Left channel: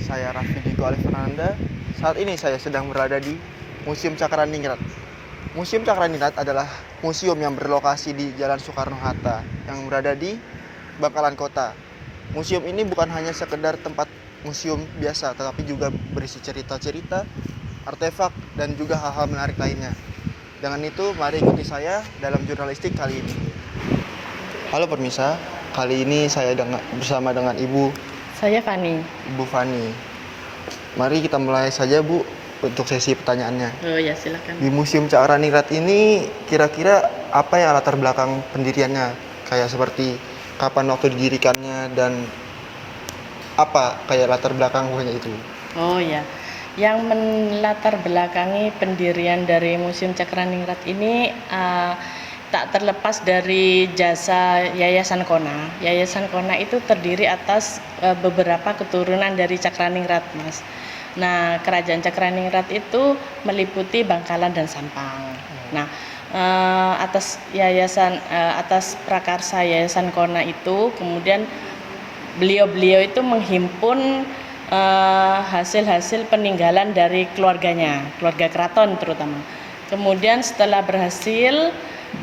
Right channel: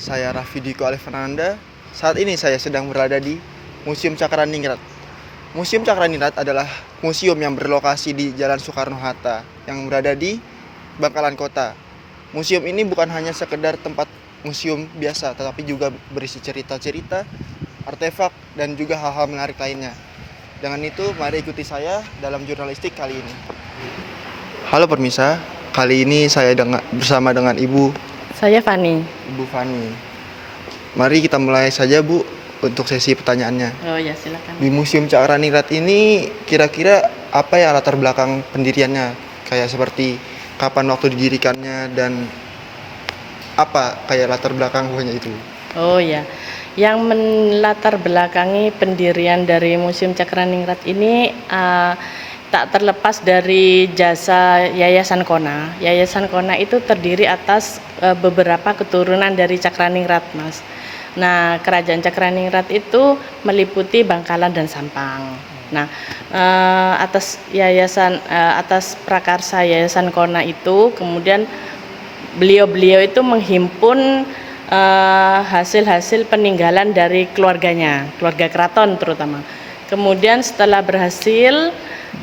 Saya Raffi Diko Alifernanda. Saat ini saya sedang berada di Museum Cakraningrat. Museum Cakraningrat adalah museum yang berlokasi di Jalan Soekarno-Hatta yang berada di Bangkalan Kota. Museum ini bukan hanya sekedar tempat museum biasa, tetapi juga berisi cerita-cerita, artefak, dan juga hal-hal menarik lainnya. Dengan itu, mari ikuti saya dalam jurnalistik kali ini. Halo permisa, kali ini saya bersama dengan Saya Fani. Ibu Fani. Mari kita mulai saja Bu untuk sesi pertanyaannya. Oh ya, silakan. Di Museum Cakraningrat ini kira-kira apa ya latar belakang pendiriannya? Kayak seperti kapan waktu didirikannya dan apa kayak latar belakang buahnya itu? Oh ya, yang melatar belakangi pendirian dari Museum Cakraningrat ini tak terlepas dari jasa Yayasan Kona. Yayasan Kona itu terdiri atas beberapa keturunan dari Cakraningrat, Mas. Nah, Kerajaan Cakraningrat itu meliputi Bangkalan dan Sampang. Nah, atas prakarsa Yayasan Kona itu, kemudian beliau-beliau itu menghimpun hasil-hasil peninggalan dari keluarganya, keluarga keraton terutama. Kemudian setelah berhasil,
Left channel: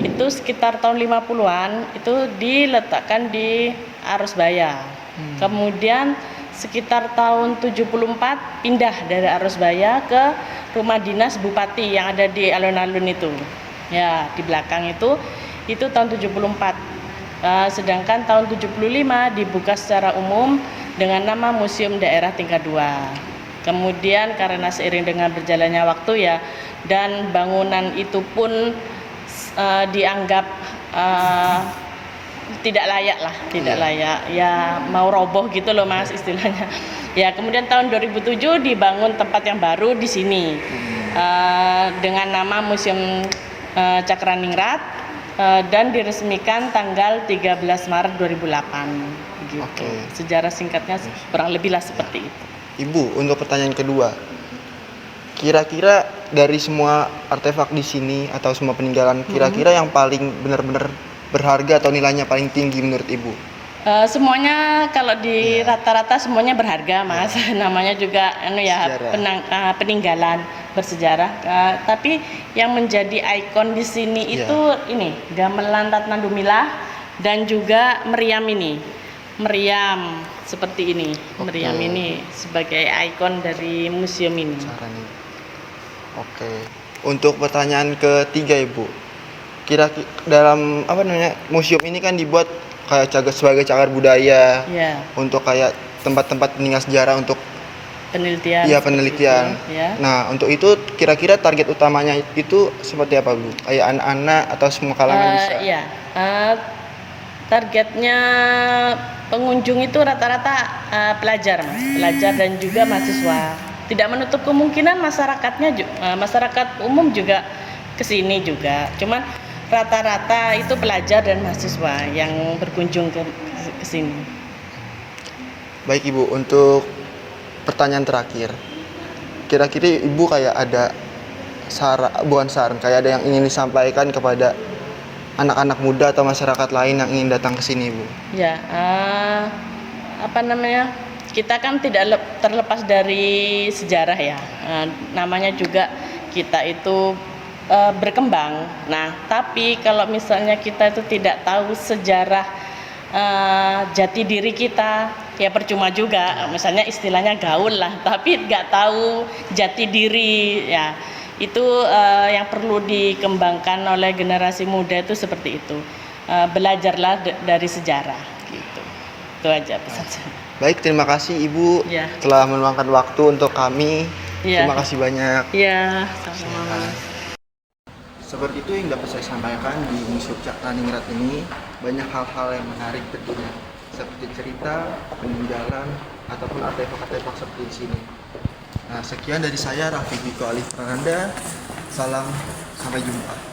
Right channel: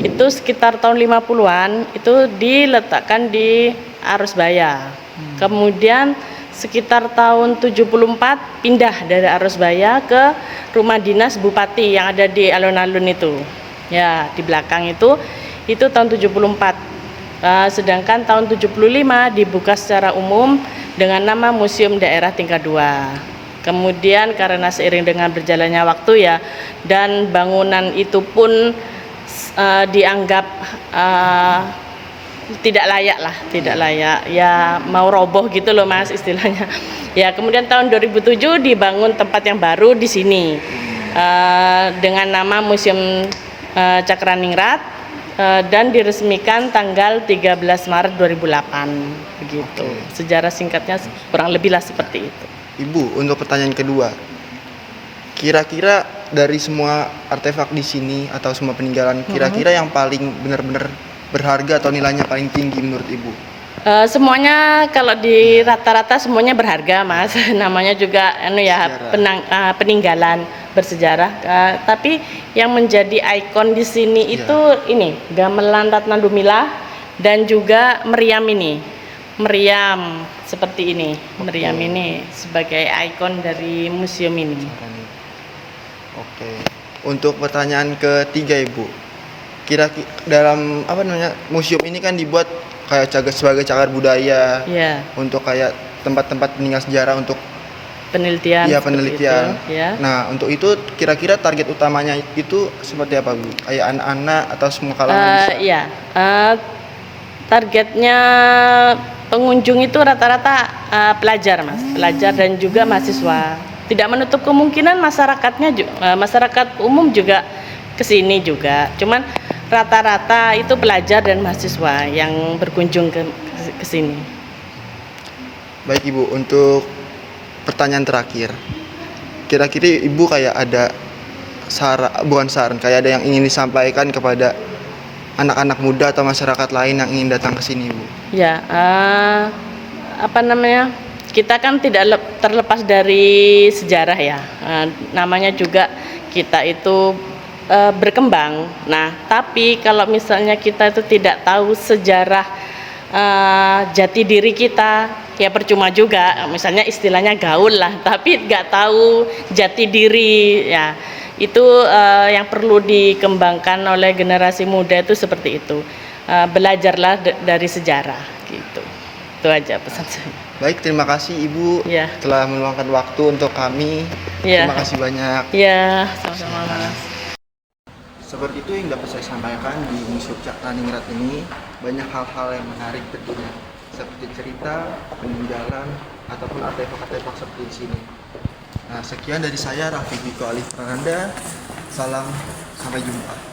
itu sekitar tahun 50-an itu diletakkan di Arusbaya. Kemudian sekitar tahun 74 pindah dari Arusbaya ke rumah dinas bupati yang ada di alun-alun itu. Ya, di belakang itu tahun 74. Sedangkan tahun 75 dibuka secara umum dengan nama Museum Daerah Tingkat 2. Kemudian karena seiring dengan berjalannya waktu ya, dan bangunan itu pun dianggap tidak layak ya, mau roboh gitu loh Mas istilahnya. Ya, kemudian tahun 2007 dibangun tempat yang baru di sini dengan nama Museum Cakraningrat dan diresmikan tanggal 13 Maret 2008 begitu. Oke. Sejarah singkatnya kurang lebih lah seperti itu. Ibu, untuk pertanyaan kedua. Kira-kira dari semua artefak di sini atau semua peninggalan, kira-kira yang paling benar-benar berharga atau nilainya paling tinggi menurut Ibu? Semuanya kalau di rata-rata semuanya berharga Mas. Namanya juga peninggalan bersejarah. Tapi yang menjadi ikon di sini itu ini gamelan Ratna Dumilah dan juga meriam ini. Meriam seperti ini. Meriam ini sebagai ikon dari museum ini. Oke. Untuk pertanyaan ketiga Ibu. Kira-kira dalam museum ini kan dibuat kayak sebagai cagar budaya. Yeah. Untuk kayak tempat-tempat peninggalan sejarah untuk penelitian. Iya, penelitian. Ya. Nah, untuk itu kira-kira target utamanya itu seperti apa, Bu? Kayak anak-anak atau semua kalangan bisa? Iya. Targetnya pengunjung itu rata-rata pelajar, Mas. Pelajar dan juga mahasiswa. Tidak menutup kemungkinan masyarakat umum juga kesini juga. Cuman rata-rata itu pelajar dan mahasiswa yang berkunjung ke sini. Baik Ibu, untuk pertanyaan terakhir. Kira-kira Ibu kayak ada saran, kayak ada yang ingin disampaikan kepada anak-anak muda atau masyarakat lain yang ingin datang ke sini, Bu? Ya, kita kan tidak terlepas dari sejarah ya. Namanya juga kita itu berkembang. Nah, tapi kalau misalnya kita itu tidak tahu sejarah jati diri kita, ya percuma juga. Misalnya istilahnya gaul lah, tapi nggak tahu jati diri. Ya, itu yang perlu dikembangkan oleh generasi muda itu seperti itu. Belajarlah dari sejarah, gitu. Itu aja pesan saya. Baik, terima kasih Ibu telah meluangkan waktu untuk kami. Terima kasih banyak. Ya, sama-sama. Seperti itu yang dapat saya sampaikan di Museum Cakraningrat ini. Banyak hal-hal yang menarik tentunya, seperti cerita, peninggalan, ataupun artefak-artefak seperti di sini. Nah, sekian dari saya Raffi Diko Alifernanda. Salam, sampai jumpa.